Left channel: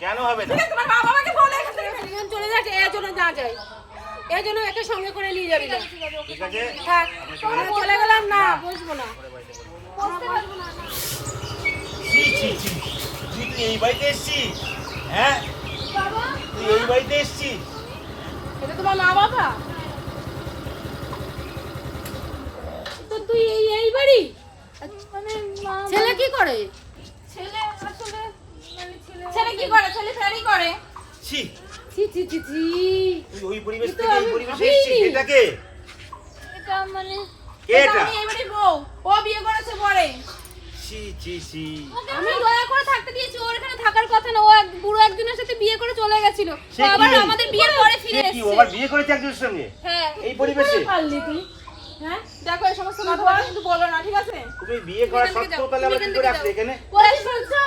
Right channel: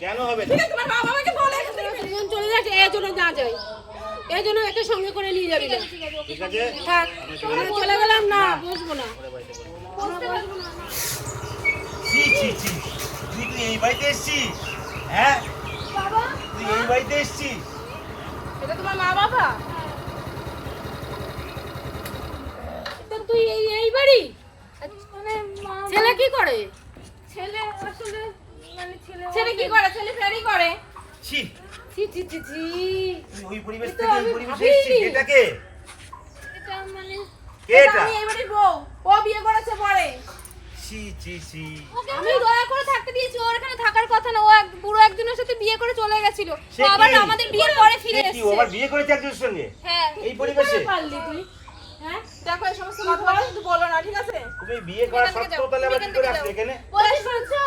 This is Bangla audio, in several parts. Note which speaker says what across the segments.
Speaker 1: কেন হবে না?
Speaker 2: তোমার মা বাবাকে বলে এখান থেকে ফেলে
Speaker 3: দুজন চলে যাচ্ছে এর জন্য না যায়। এর জন্য একে সঙ্গে করে নিয়ে যাবি না।
Speaker 1: ঠিক আছে
Speaker 3: থাক চলে গেলাম না। বসবো না।
Speaker 1: ছি ছি ছি। তুই তুই এই বাড়িতে এসছিস? হ্যাঁ? তুই এই বাড়িতে এসছিস?
Speaker 3: এটা তোমার মা বাবা? তো তুই এই এই বাড়ি?
Speaker 4: মানে
Speaker 3: ছেলে কি করে?
Speaker 4: ছেলে আসলে মানে ছেলে
Speaker 2: ছেলে কি করে? ছেলে ফেরি করে?
Speaker 1: ছি।
Speaker 3: ছি ছি ছি ছি।
Speaker 1: ওই পরিবেশ থেকে এই পরিবেশে
Speaker 3: ভাবিনি।
Speaker 1: এটাকে?
Speaker 4: এটা মানে
Speaker 2: এটা
Speaker 1: এটা?
Speaker 2: আমি এই বউ। ও বিয়ে করেছে পরে।
Speaker 1: ছি ছি ছি।
Speaker 4: আমি দয়া করে থাকতে দিয়েছি। ওর এখানে থাকার কথা না। ও এক বুড়ো একজনের সাথে বিয়ে করে চলে গেছিল। ও আবার আমাদের বিয়ের পরে ফিরে
Speaker 1: সে কি
Speaker 4: এসেছে।
Speaker 1: ওবার বিয়ে করেছে একজনের সঙ্গে?
Speaker 4: হ্যাঁ।
Speaker 1: এই পরিবেশে?
Speaker 3: পারলি তুই। হ্যাঁ?
Speaker 2: দেখো এই সমস্ত কথা কিন্তু বলো না ঠিক আছে?
Speaker 1: তুমি বিয়ে করা সত্ত্বেও তাহলে আবার কি করে আসলে এখানে?
Speaker 4: বলে শুনছো?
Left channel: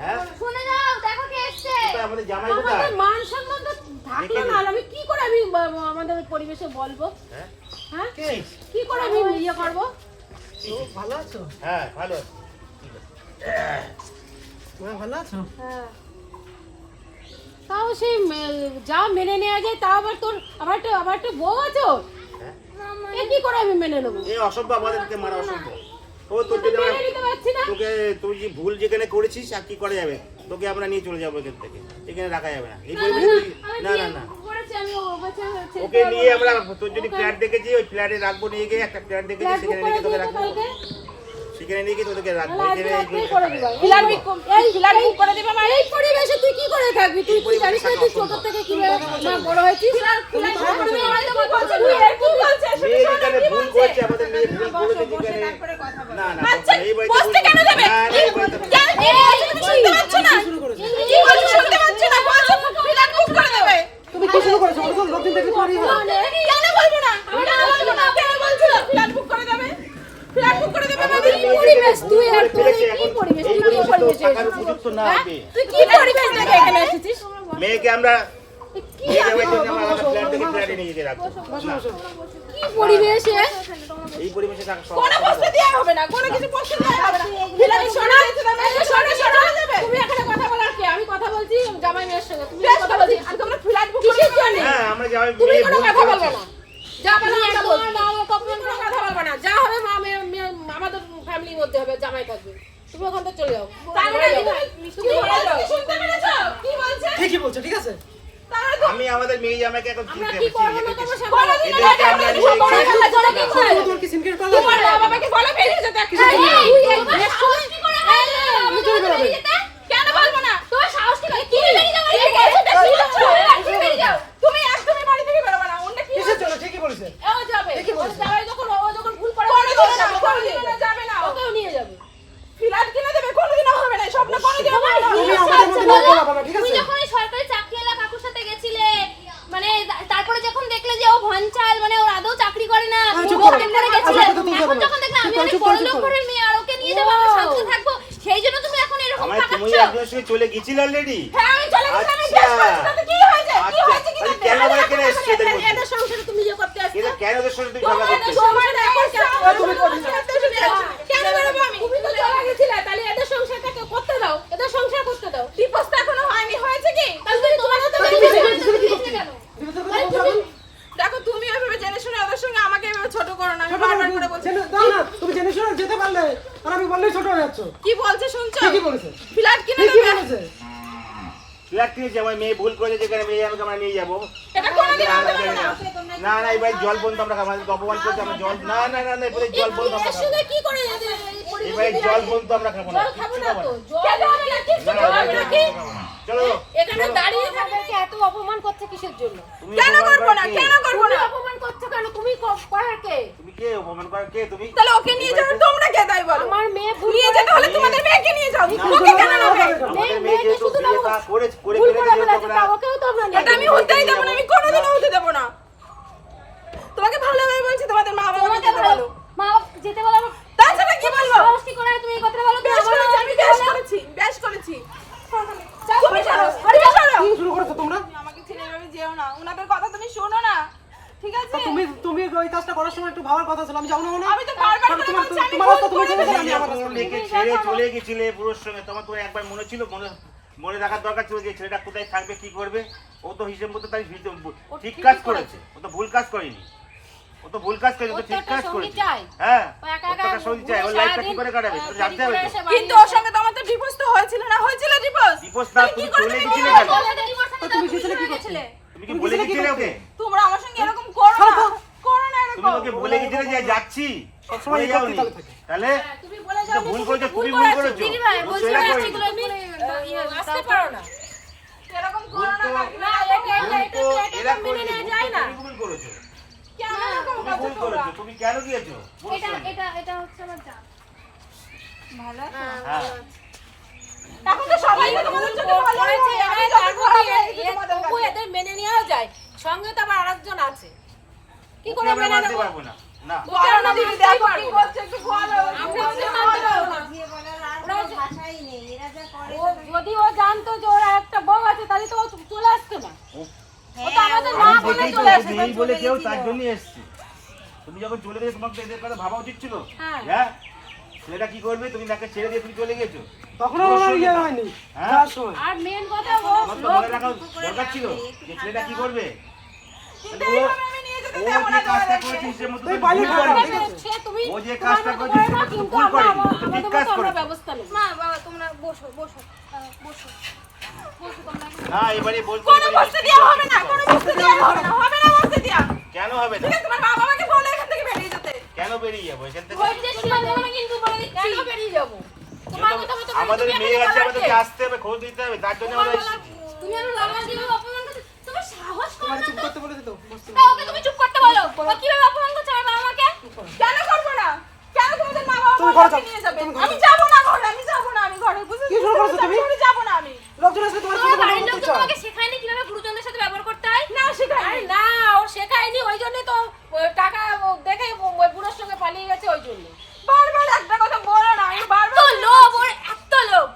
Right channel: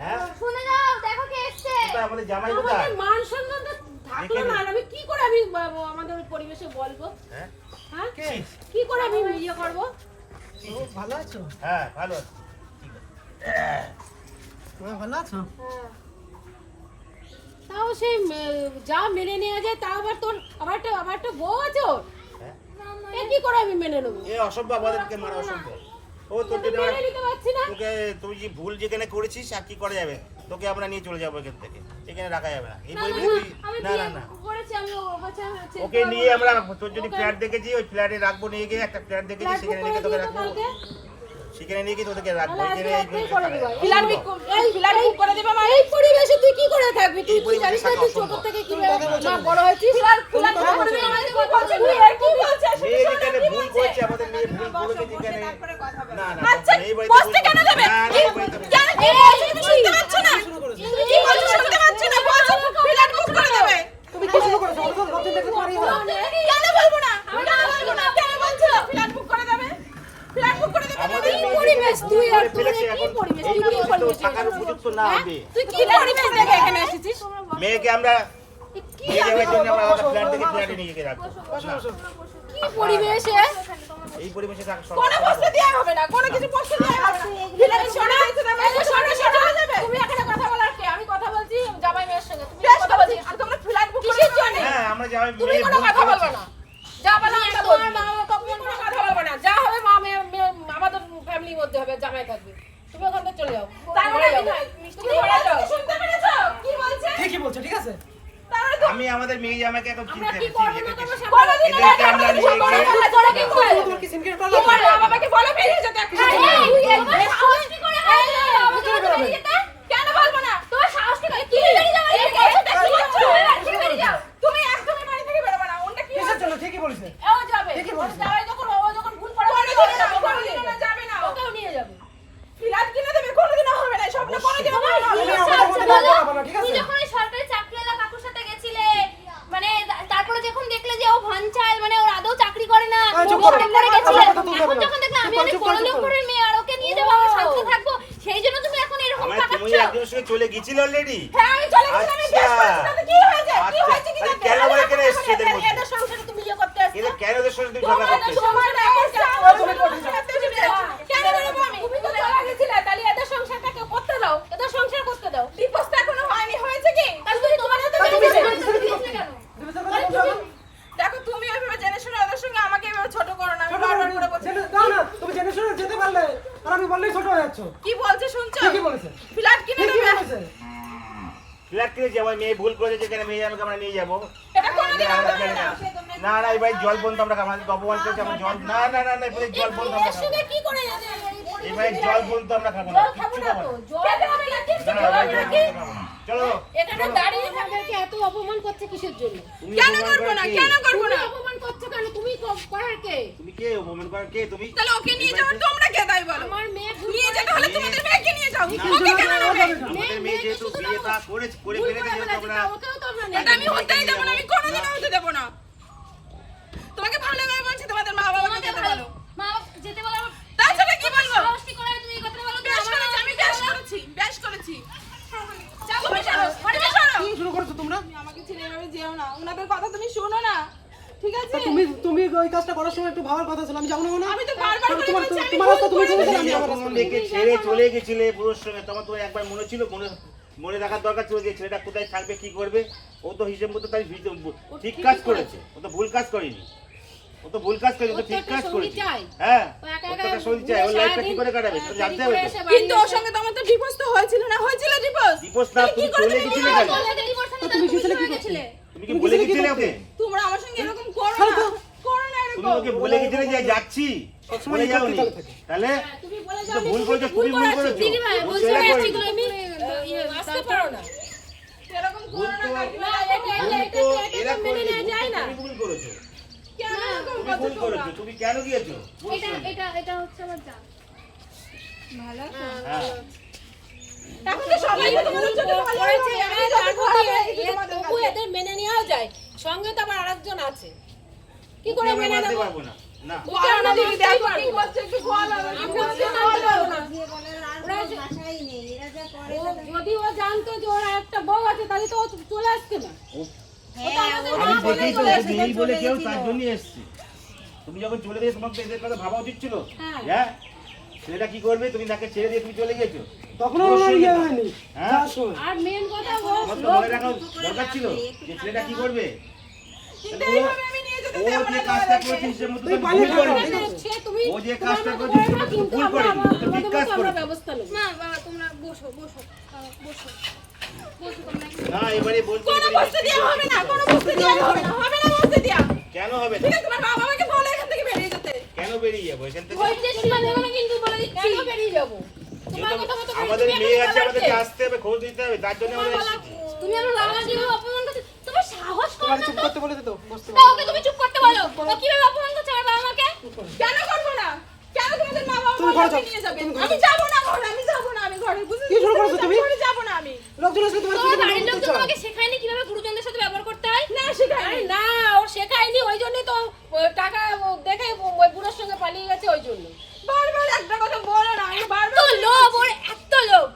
Speaker 1: হ্যাঁ?
Speaker 4: শুনে যাও দেখো কে এসছে।
Speaker 1: আমাদের জামাই কোথায়?
Speaker 3: আমাদের মান সম্মান তো থাকল না আমি কি করে আমি আমাদের পরিবেশে বলব?
Speaker 1: হ্যাঁ?
Speaker 3: হ্যাঁ?
Speaker 1: কি?
Speaker 3: করে আমি ইয়ে করব?
Speaker 5: ভালো আছো?
Speaker 1: হ্যাঁ ভালো।
Speaker 5: তুমি ভালো আছো?
Speaker 3: হ্যাঁ। তাও সেই যা মেনে নেওয়া যায় তাও আবার তোর আবার একটা আবার একটা বউ আছে।
Speaker 1: হ্যাঁ।
Speaker 3: কি করে আমি মেনে নেব?
Speaker 1: এ অসম্ভব আমাদেরকে মারা অসম্ভব ও
Speaker 3: না।
Speaker 1: তোকে তুই যে ভুল যেখানে করেছিস আর কি করা যাবে? তোকে আমরা নিয়ে চলে যাব এখান থেকে। এখানে রাখা যাবে না। এই পরিবেশে না না না। ওকে নিয়ে আমরা তোর যদি ফ্ল্যাট দেখেছি ওই ফ্ল্যাটে রাখব নিয়ে গিয়ে একটা ফ্ল্যাট দেখেছি সেখানে নিয়ে তোকে রাখব। সেখানে নিয়ে গিয়ে তোদেরকে রাখব এখানে এইগুলো
Speaker 3: রাত্রেই করে দিবা।
Speaker 2: এই ফিলার করে দিবা মা
Speaker 3: এই পরিবেশে তুই কি করে থাকবি? তুই তুই জানিস না তুই ছোট থেকে কি বড় হয়েছিস?
Speaker 2: ফিলার ফিলার করে দিবা মানে কি বলছে তুই এর কি বলছে
Speaker 1: মেয়ে যেখানে ভুল করেছে আমাদের মেয়ে ভুল করেছে যেখানে
Speaker 2: তারপরে
Speaker 1: না না
Speaker 2: আচ্ছা
Speaker 1: এই বাড়িতে
Speaker 2: কেন যাবে?
Speaker 1: না, না, এই বাড়িতে ভুল
Speaker 2: কেন
Speaker 1: করেছে।
Speaker 2: এই তুমি শুনতে পাচ্ছ না
Speaker 5: শুরু করেছ
Speaker 2: কি বলছো শুনতে পাচ্ছ না বলছো ফিলার বুক করে দেবে
Speaker 5: তুমি কি শুরু করেছ ওটা তো সব দিন থেকে পারি
Speaker 2: কেন বলব না কেন বলব না কেন বলছো ফিলার বুক করে দেবে ফিলার বুক করে দেবে
Speaker 1: আমাদের
Speaker 2: বৌদি?
Speaker 1: মেয়ে
Speaker 3: পরিবেশ
Speaker 1: যেখানে
Speaker 3: তুই
Speaker 1: ভুল
Speaker 3: আর
Speaker 1: করে ফেলেছে,
Speaker 3: তুই
Speaker 1: এখন
Speaker 3: কি পরিবেশ?
Speaker 1: এই
Speaker 3: তুই কি
Speaker 1: পরিবেশে তো
Speaker 3: পরিবেশে
Speaker 1: থাকার
Speaker 3: এসেছিস?
Speaker 1: উপযুক্ত না হবে
Speaker 2: তুই কি পরিবেশ থেকে এখানে এসেছিস
Speaker 1: মেয়েকে আমরা নিয়ে যাওয়ার জন্য আমরা আলাদা ফ্ল্যাট থেকে ফ্ল্যাটে নিয়ে গিয়ে রাখব না,
Speaker 3: কি পরিবেশে
Speaker 1: এই পরিবেশে থাকা
Speaker 2: কোনো
Speaker 1: সম্ভব
Speaker 2: বসতে দেওয়া হবে না কোনো কিছু বসতে দেওয়া হবে না ফিলার শোনা শোনা শোনা। যাবে
Speaker 3: তুমি এখানে কথা বলার কে? আমি কথা বলছি জামাই মেয়ের সঙ্গে। তুমি কথা বলছি।
Speaker 2: আর তোমরা ফিলার বুক করে
Speaker 3: জন্য?
Speaker 1: হ্যাঁ আমরা
Speaker 3: তুমি কোনো কথা বলবে না। যা বলো আমরা বলব। মা কখনো কোনো কথা বলবে না। যা হবে মা মেয়ে মেয়ে- আমাদের ফ্যামিলির মধ্যে হবে জামাই থাকবে। তুমি ওখান থেকে চলে যাও।
Speaker 2: তারপরে তুমি শুনতে বলছে
Speaker 5: ঠিকই বলছো ঠিক আছে
Speaker 1: আমি আমাদের মেয়ে জামাইকে এখন
Speaker 3: আমরা
Speaker 1: চিনতে
Speaker 3: কি
Speaker 1: চিনি
Speaker 3: করব না
Speaker 1: এদেরকে
Speaker 3: করব সে
Speaker 2: বলে দিও না
Speaker 1: এদেরকে আমরা নিয়ে
Speaker 2: বলে
Speaker 1: গিয়ে-
Speaker 2: দিও না, বলে দিও না।
Speaker 5: তোমার কি সিনক্রেট করলে
Speaker 2: তোমার মা বাবাকে বলে বেরিয়ে যেতে একটা
Speaker 4: এই,
Speaker 2: এই,
Speaker 4: তোমার
Speaker 2: এই,
Speaker 4: সাহস কি করে হয়?
Speaker 5: তুমি চলে বেরোবে
Speaker 2: কেন বলব না
Speaker 4: তোমার সাহস কি করে? কি বেরিয়ে যাবে?
Speaker 2: এই, এই, এই, এই,
Speaker 4: কি বেরিয়ে যাও?
Speaker 2: তুমি একদমই বাড়ি থেকে বেরোবে না ওটা কি
Speaker 5: কিসের জন্য ঠিকই বলেছে
Speaker 3: ও যাবে
Speaker 5: ঠিকই
Speaker 3: ও
Speaker 5: বলছে।
Speaker 3: যাবে যখন ও যখন ভুল করে
Speaker 2: করে
Speaker 3: ওকে
Speaker 2: দেবে না, করে দেবে না, যাবে না ও।
Speaker 3: ওকেও নিয়ে যাবে
Speaker 2: ফ্ল্যাট কিনে দেবে কোনোদিনও হবে না স্বপ্ন কোনোদিনও হবে না
Speaker 5: তুমি আমাদের মধ্যে না বলা বাবা ঠিক
Speaker 4: তুমি
Speaker 5: আছে
Speaker 4: যখন ওই সরকারি চাকরিওয়ালা কাকুর সাথে গেছিলে মানে তা- তারপরে যখন যে মানে ওর আদৌ চাকরি করে না ও
Speaker 5: করো।
Speaker 4: করে গেছিলে
Speaker 5: আমার কথা তুলতে
Speaker 4: এখন যখন দেখলাম আমি অনেক বড় লোক
Speaker 5: করো।
Speaker 4: মেয়ে আর ওকে নিয়ে যাব আমরা শান্তি থাকব সেই জন্য তুমি এখন এরকম
Speaker 1: তুমি একজন সঙ্গে চলে গেছিল অলরেডি
Speaker 2: হ্যাঁ আমি চলে গেছি আমি
Speaker 1: আচ্ছা।
Speaker 2: তাতে কি হয়েছে কি
Speaker 1: আচ্ছা,
Speaker 2: হয়েছে কি না?
Speaker 1: কেন বলে কেন এসেছে
Speaker 3: এটা সংসারে তুমি ইয়ে করতে আসছো
Speaker 1: কেন ওদের সঙ্গে তুমি ঝগড়া করতেছো
Speaker 2: তোমার এখন তুমি করতে কেন বেরোবো আমি
Speaker 3: তুমি তো চলে গেছিলে তাহলে এদের সংসারটা কেউ করতে দাও এদের সংসার করতে দাও
Speaker 2: ডিভোর্স তো এখনও হয়নি হয়েছে কি
Speaker 3: তাহলে তুমি তোমার হাতে
Speaker 5: তাহলে
Speaker 3: বেরিয়ে
Speaker 5: তুমি-
Speaker 3: যাবে।
Speaker 5: তুমি-
Speaker 4: দিয়েছিলে কেন
Speaker 5: দিবসের কথা বলছো এখন?
Speaker 2: দেখো তুমি ওইভাবে জেনে শুনে ওদের সঙ্গে আমাকে এভাবে ছোট করো না আমি
Speaker 5: ছোট
Speaker 2: বারবার
Speaker 5: করে
Speaker 2: করে বলছি
Speaker 5: জেনে- দাও না তুমি জেনে শুনে যেতে পারলে আর আমি বললেই ছোট হয়ে যাচ্ছ
Speaker 2: কি বলছে শুনছো
Speaker 5: ঠিকই বলেছে
Speaker 2: ফ্ল্যাট কিনে
Speaker 5: ঠিকই
Speaker 2: দেবে
Speaker 5: বলেছে
Speaker 1: আমার মেয়ে ভুল করেছে যেখানে মেয়ে আমরা নিয়ে যাব না, না, বাড়ির জল বন্ধ আমরা আমাদের অপমান করছে আমরা জল না না না না এবারে জল বন্ধ আমরা
Speaker 3: করে
Speaker 1: বাড়ির জল বন্ধ আমরা খাব না। চলো
Speaker 3: এখানে দাঁড়িয়ে আমাদেরকে এত অপমান করছে কিসের জন্য
Speaker 2: কেন করব না কেন করব
Speaker 3: তুমি
Speaker 2: না
Speaker 3: অপমান করছ কেন তুমি ক- করার কে?
Speaker 1: তুমি কে? অপমান করার কে? তুমি
Speaker 2: তাহলে ওকে নিয়ে যাবে তোমরা কে তাই বলো?
Speaker 3: আমার মেয়ে ভুল
Speaker 2: নিয়ে যেতে হলে তোমাদের মেয়েকে নিয়ে যাও। ওকে কেন নেবে?
Speaker 5: না, না,
Speaker 1: আমাদের
Speaker 3: মেয়ে-
Speaker 1: মেয়ে
Speaker 3: মেয়েকে শুধু
Speaker 1: বিয়ে করে করে
Speaker 3: করে
Speaker 1: দিয়েছে
Speaker 3: ফেলেছে
Speaker 1: তোমরা
Speaker 3: তা ওকেও তো আমরা
Speaker 2: এটা আমি হতেই দেবো না আমি কোনোদিনও হতে দেবো না। তোমাকে ভালো লাগে বলছি তোমাদের মা
Speaker 4: তোমাকে
Speaker 2: যেতে বলো।
Speaker 4: মা বাবা যেতে বলো।
Speaker 2: তাছাড়া কি বলব?
Speaker 4: সাহস কি করে তুমি এই কথাটা বলো?
Speaker 2: আমি করেছি বেশ করেছি তুমি সরো তুমি সরো
Speaker 5: কি শুরু করেছ তোমরা
Speaker 2: তুমি আমাকে ছেড়ে এভাবে যেও না ওনাদের কথা তুমি শোনো না ঠিক আছে
Speaker 5: তা তুমি তুমি ওই কাজটা করার সময় একটু ভাবার কথা ছিল। আমি যাব না
Speaker 2: আমি তো বারবার করে বলছি, আমি
Speaker 5: তোমার রাস্তা তুমি চলে আমি আমার রাস্তা
Speaker 1: যখন ছেড়ে চলে গেছিলে পুরোর সঙ্গে তোমার তো একবার মনে ছিল মনে মনে রাখার দরকার ছিল যে ছেলেটা কোথায় থাকবে কি করবে? ও তো হিসেব মতো তাই হিসেব- ঠিক কাজ করেছে। ও তো ভুল কাজ করেনি। ও তো ভুল কাজ তো ঠিক কাজ করেছে। হ্যাঁ সঙ্গী চাই ওর লাইফটা কি করে কাটাবে? জানতে হবে
Speaker 2: কিন্তু ওর সঙ্গে তো আমার তো ডিভোর্স তো হয়েছিল না? হয়েছিল ডিভোর্স
Speaker 1: ডিভোর্স না তুমি চলে গেছিলে। কেন
Speaker 5: তুমি গেছিলে কি
Speaker 4: গেছিলে।
Speaker 1: তুমি কি বলে গেছিলে ওকে?
Speaker 2: তোমরা আমার সঙ্গে এরকম করো
Speaker 1: বলে গেছিলে যে যাচ্ছি।
Speaker 5: সবসময়
Speaker 1: যাওনি তাহলে
Speaker 3: তুমি বলে যাও
Speaker 1: ভুল করেছ তুমি ভুল
Speaker 3: করেছ। দিদি ভাই বলছি না এগুলো ইয়ে, আসতে পারো না।
Speaker 2: এরকম করো না
Speaker 3: না। এটা এটা এটা এটা মেনে নেওয়া যায় না।
Speaker 1: তুমি ভুল করেছ।
Speaker 2: কেন এরকম
Speaker 1: তুমি
Speaker 2: করছ
Speaker 1: ভুল
Speaker 2: তোমরা?
Speaker 1: করেছ তুমি কেন গিয়েছো?
Speaker 4: এটা
Speaker 1: সঙ্গে।
Speaker 4: এটা এটা হচ্ছে আমার
Speaker 1: হ্যাঁ
Speaker 2: এখন তো সবাই
Speaker 3: ভুল
Speaker 2: তোমাদের ভালো
Speaker 3: করেছে
Speaker 2: আমি।
Speaker 3: এদের মেনে নেওয়া যায়। সঙ্গে তো আবার আরেকজন আছে। কি করে মেনে নেব?
Speaker 1: না।
Speaker 2: দিদি, দেখো কি করছে, একটু
Speaker 3: আমরা। মানতে পারব না। যদি ও জানতো যে ওরা একটা বউ আছে তাহলে তো চলে আসতো না।
Speaker 1: এসছে তুমি যখন চলে গেছো তোমাকে এদের কথা ভাবা উচিত ছিল?
Speaker 3: হ্যাঁ।
Speaker 1: হ্যাঁ? ছেলেটা কি করবে? তুমি তাকে ছেড়ে দিয়ে তুমি চলে গেছো
Speaker 5: তখন ইয়ে
Speaker 1: হ্যাঁ?
Speaker 3: আর মেন কথা ও
Speaker 1: দরকার ছিল যে ছেলেটা কি করবে?
Speaker 4: হ্যাঁ,
Speaker 2: কোনো হবে না, কোনো বসতে দেওয়া হবে না, হবে না বসতে দেওয়া।
Speaker 1: কেন হবে না?
Speaker 2: ঠিক আছে, তোমার মা বাবাকে বলো এখান থেকে বেরিয়ে যেতে।
Speaker 1: কেন বেরিয়ে যাব? এখান থেকে
Speaker 4: কিন্তু বলে দিচ্ছি।
Speaker 3: কেন বেরিয়ে
Speaker 1: আমাদের মেয়ে আছে আমাদেরকে আসতে হবে খোঁজ দিতে হবে তার জন্য আমরা
Speaker 4: তুমি আমার বাবা অপমান করছ তোমার সাহস কম
Speaker 5: তোমার চুপ করতে বলে বসতে
Speaker 4: ওকে তুমি চুপ করতে বলো ও কীভাবে অপমান করছে আমার বাবা মাকে
Speaker 2: কেন করব না? কেন তোমাদের মা বাবা
Speaker 5: ঘরে
Speaker 2: নিয়ে
Speaker 5: যাবে
Speaker 2: আমি যাব না ঘরে, আমি যাব না, আমি ঘরে, বুঝেছ?
Speaker 5: কি শুরু করছ তুমি?
Speaker 2: যাব না আমি।
Speaker 5: লোকজন আসলে তোমার
Speaker 4: বাড়ির তো। তোমাকে শেখায়নি কীভাবে গুরুজনদের সাথে ব্যবহার করতে হয়
Speaker 2: না, শেখায়নি।
Speaker 3: আরে না ও শেখায়নি ওই জন্যই তো ও টাকা ও দেখে ও- ওই বুড়োর সঙ্গে পালিয়ে গেছে ওই জন্য
Speaker 2: বারবার একটা কথা বলো না, আমি বারবার
Speaker 4: এত লোভ ওর এত লোভ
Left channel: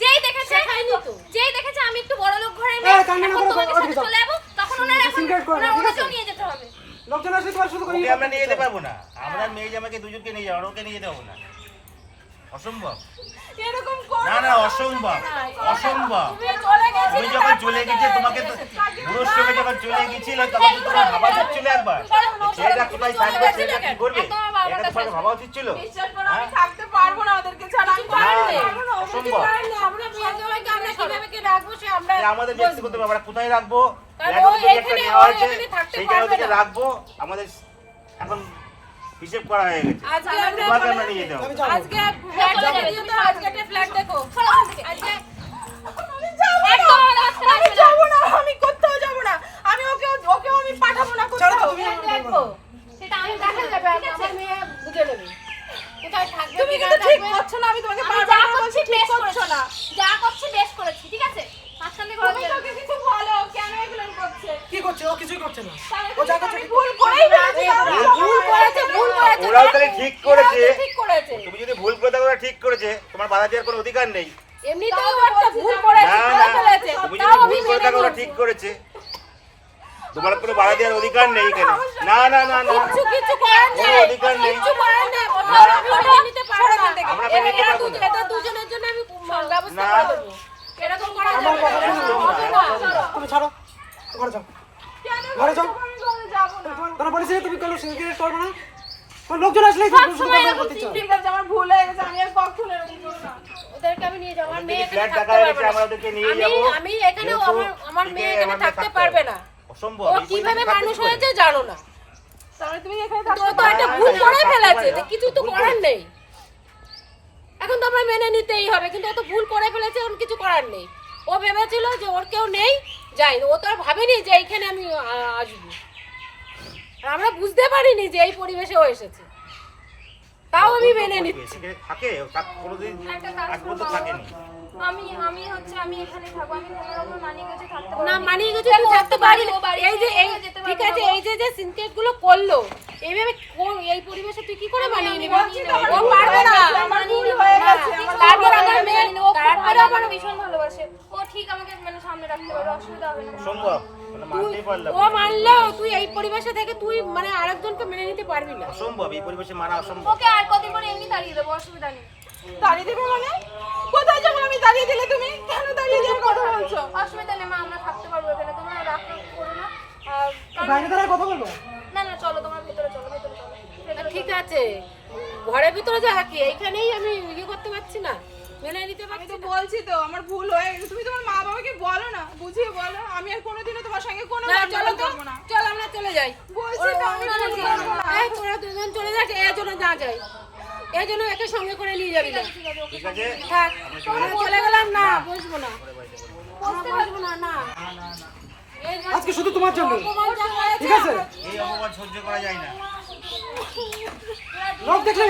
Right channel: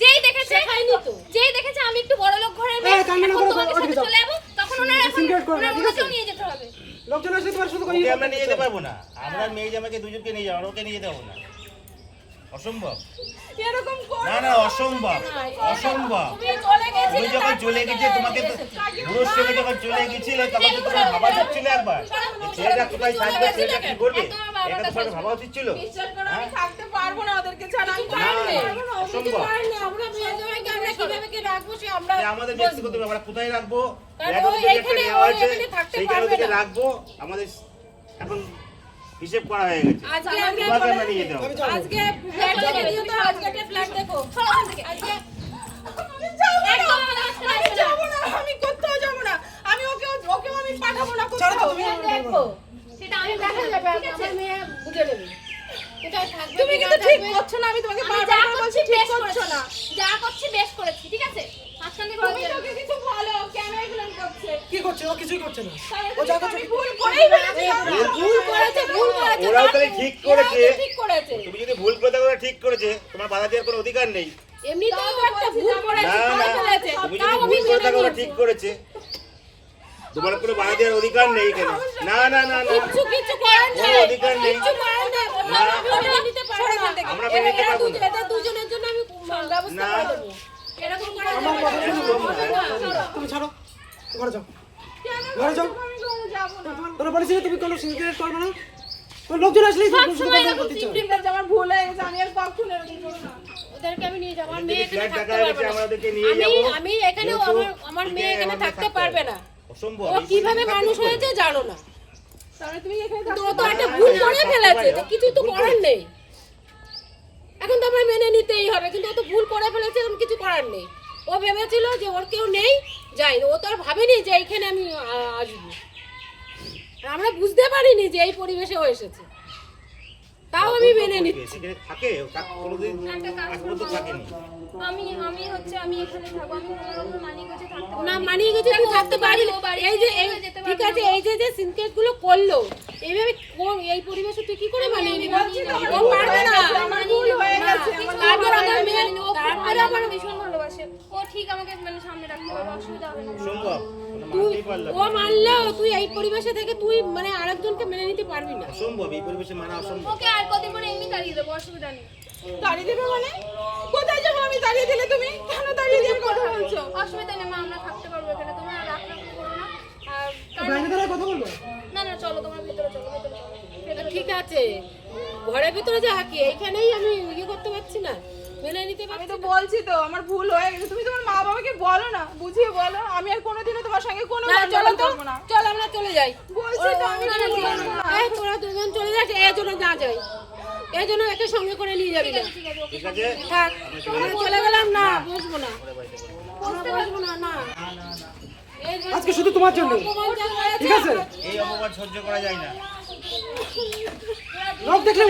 Speaker 4: যেই দেখেছে
Speaker 3: শেখায়নি তো।
Speaker 4: যেই দেখেছে আমি একটু বড় লোক ঘরের
Speaker 5: এই,
Speaker 4: মেয়ে
Speaker 5: কান্না
Speaker 4: এখন
Speaker 5: করো,
Speaker 4: তোমাদের
Speaker 5: ওদিকে
Speaker 4: সাথে
Speaker 5: যাও।
Speaker 4: চলে যাব তখন ওনার এখন
Speaker 5: Disintegrate করো না,
Speaker 4: ওনার
Speaker 5: ঠিক আছে?
Speaker 4: ওনাকেও নিয়ে যেতে হবে
Speaker 5: লোকজন আসলে তোমার শুধু
Speaker 1: ওকে আমরা নিয়ে যেতে পারব না। আমরা মেয়ে জামাকে দুজনকে নিয়ে যাব আর ওকে নিয়ে যেতে পারব না। অসম্ভব।
Speaker 2: এরকম
Speaker 1: না না অসম্ভব। অসম্ভব।
Speaker 2: তুমি চলে গেছিলে,
Speaker 1: তুমি যখন চলে গেছে তোমাকে তো বুড়োর সঙ্গে যখন চলে গেছিল তখন তো তোমার ভাবা উচিত ছিল একবার। ছেলেটা কোথায় থাকবে ছেলেটা কি করবে? এটা তোমার ভাবা উচিত ছিল। হ্যাঁ?
Speaker 2: আমি থাকতে পারব না ওদেরকে ছাড়া, আমি পারব না।
Speaker 1: অসম্ভব।
Speaker 3: আমরা মেয়ে জামাইকে আমরা কীভাবে কি রাখব সে আমরা
Speaker 1: আমাদের ব্যক্তিগত ব্যাপার আমরা কোথায় রাখব। রাখব। আমাদের এখন হিসেব করা হয়ে গেছে।
Speaker 3: আজকে আমরা
Speaker 1: যেতে হবে।
Speaker 3: আজকে ফ্ল্যাট দেখে। তো আজকে একটা ফ্ল্যাট দেখো।
Speaker 2: আমি যাব না, আমি
Speaker 4: আসবে না।
Speaker 2: আমি কোথাও যাব না। আমি ওকে ওকেও আমি পাঠাবো না কোথাও।
Speaker 3: দেখো।
Speaker 4: সেটা আমি
Speaker 3: দেখা যাবে। আমার মেয়ে বুঝে নেবে। কোথায় থাকবে
Speaker 2: তুমি কিন্তু ঠিক করছ না, আমি তোমাকে
Speaker 4: আমি
Speaker 2: বারবার
Speaker 4: যা
Speaker 2: করে বলছি,
Speaker 4: করছি
Speaker 2: ঠিক
Speaker 4: বেশ
Speaker 2: করছ
Speaker 4: করছি
Speaker 2: না।
Speaker 4: যা করছি বেশ করেছি ঠিক আছে মাঝখান থেকে
Speaker 2: তুমি
Speaker 4: কথা
Speaker 2: তোকে কিছু বলো, কেন এগুলো করছে?
Speaker 5: কি করছে ও কিছুই করছে না
Speaker 2: তাহলে
Speaker 5: ও যা
Speaker 2: তুমি
Speaker 5: করছে
Speaker 2: আমি ভুল করেই ফেলেছিলাম।
Speaker 3: ভুল করেছে ভুল করেছে
Speaker 1: ওরাও তাহলে ঠিক করেছে। তুমি যদি ভুল করে থাকো ঠিক করেছে। তোমার বাধা দেওয়ার কোনো অধিকার নেই।
Speaker 3: এমনিতেও একটা ভুল করেছে
Speaker 1: না
Speaker 3: করে
Speaker 1: না।
Speaker 3: ফেলেছে।
Speaker 1: তুমি যদি ভুল করে থাকো ওরা ঠিক করেছে। তোমার কোনো বাধা দেওয়ার অধিকার নেই এখানে। না না না
Speaker 3: করার নেই।
Speaker 1: অধিকার নেই।
Speaker 3: কিচ্ছু করার নেই।
Speaker 1: না।
Speaker 3: আমি নিতে পারব না।
Speaker 1: আমরা নিতে পারব না।
Speaker 3: এদের দুজনের জন্য আমি ব্যবস্থা করে দেবো। এরকম করা যাবে না।
Speaker 5: শুনো
Speaker 3: হবে না।
Speaker 5: তুমি ছাড়ো। ঘরে যাও। ঘরে যাও। তুমি কোনো সিনক্রেট করবে না? লোকজন তো শুধু
Speaker 4: সময় এরকম
Speaker 2: আমার ভুল হয়ে গেছে, আমি আর কখনো এরকম করব না।
Speaker 3: ওদেরকে আমি নিয়ে যাব আমার মেয়ে এখানে থাকতে পারবে না।
Speaker 1: আমরা ওদেরকে নিয়ে
Speaker 3: আমি আমি
Speaker 1: যেহেতু
Speaker 3: আমার আমার মেয়ে এখানে থাকতে পারবে না।
Speaker 1: অসম্ভব
Speaker 3: ও কীভাবে মানুষ হয়েছে জানো না।
Speaker 2: তাহলে তুমি এখানে
Speaker 3: ও তো একটা ভুল করে ফেলেছে কিছু তো করার নেই। এখন তো আমার মেনে নিতেই হবে কিন্তু ও তো ভুল করে ফেলেছে ওর কিছু করার নেই। ও ভেবেছিল যে ওর কেউ নেই যাই ও তো আর ভাবেনি যে এইখানে আমি আসব। আমরা বুঝতে পারিনি যে এই পরিবেশে ও এসেছে। তাও আমি মেনে নিচ্ছি।
Speaker 1: থাকে কোনোদিন থাকেনি।
Speaker 4: আমি আমি হচ্ছে আমি এখানে থাকব আমি কোনো রকম মানিয়ে গুছিয়ে থাকতে পারব
Speaker 3: না মানিয়ে গেছে তুই থাকতে
Speaker 4: বাড়ি
Speaker 3: এই যে এই ঠিক আছে এই যে যে সিনথেটগুলো করল এইভাবে কোন- এই পরিবেশে তুই কি করে মানিয়ে নিবি? ও পারবে না।
Speaker 2: গেছে, আমার ভুল হয়ে গেছে,
Speaker 3: তারপর আমার
Speaker 4: ভালো
Speaker 3: আমার
Speaker 4: ভীষণ ভালোবাসে। ও ঠিক আমাকে মানে সামনে রাখতে পারবে অসুবিধা হবে না।
Speaker 1: সম্ভব। মানে
Speaker 3: ও মানলো তুই এই পরিবেশে থেকে তুই মানে আরেকজনকে মেনে নিতে পারবি না।
Speaker 1: অসম্ভব এই পরিবেশে মানা অসম্ভব।
Speaker 4: ওকে আর কদিন পরে এমনি তাড়িয়ে দেবো অসুবিধা নেই।
Speaker 2: দাঁড়িয়ে দেবে মানে? কোথায় যাব আমি দাঁড়িয়ে দিলে তুমি? কেন দাঁড়িয়ে দিয়ে কথা বলছো?
Speaker 4: অসুবিধা নেই মা আমরা থাকতে পারব এখানে। তোমরা রাখ রাখ করো না। আর
Speaker 5: বাইরে দাঁড়ায় কথা বলব?
Speaker 4: না না চলো তোমরা ভেতরে চলো ভেতরে চলো।
Speaker 3: ঠিক আছে। ঘরের ভিতরে যা কি? এইখানেই আমি ইয়ে করতে পারছি না? মেনে নিতে
Speaker 2: আমি তো বলছি তো আমার ভুল হয়ে গেছে। তুমি তোমার মা বাবাকে বলো না বুঝিয়ে বলো। আমি আর কোনোদিনও তোমার সঙ্গে কোনো
Speaker 3: না চলো তো
Speaker 2: না।
Speaker 3: চল আমরা চলে যাই।
Speaker 2: বলছি তো আমি
Speaker 3: এই তোরা দুজন চলে যাস এর জন্য না যাই এর জন্য একে সঙ্গে করে নিয়ে যাবি। না
Speaker 1: ঠিক আছে
Speaker 3: আমরা চলে গেলাম না বসবো না। বসবো না না।
Speaker 5: আজকে শুধু তোমার জন্য। ঠিক আছে?
Speaker 1: এই অপমান সহ্য করা যায় না।
Speaker 5: লোক দেখলে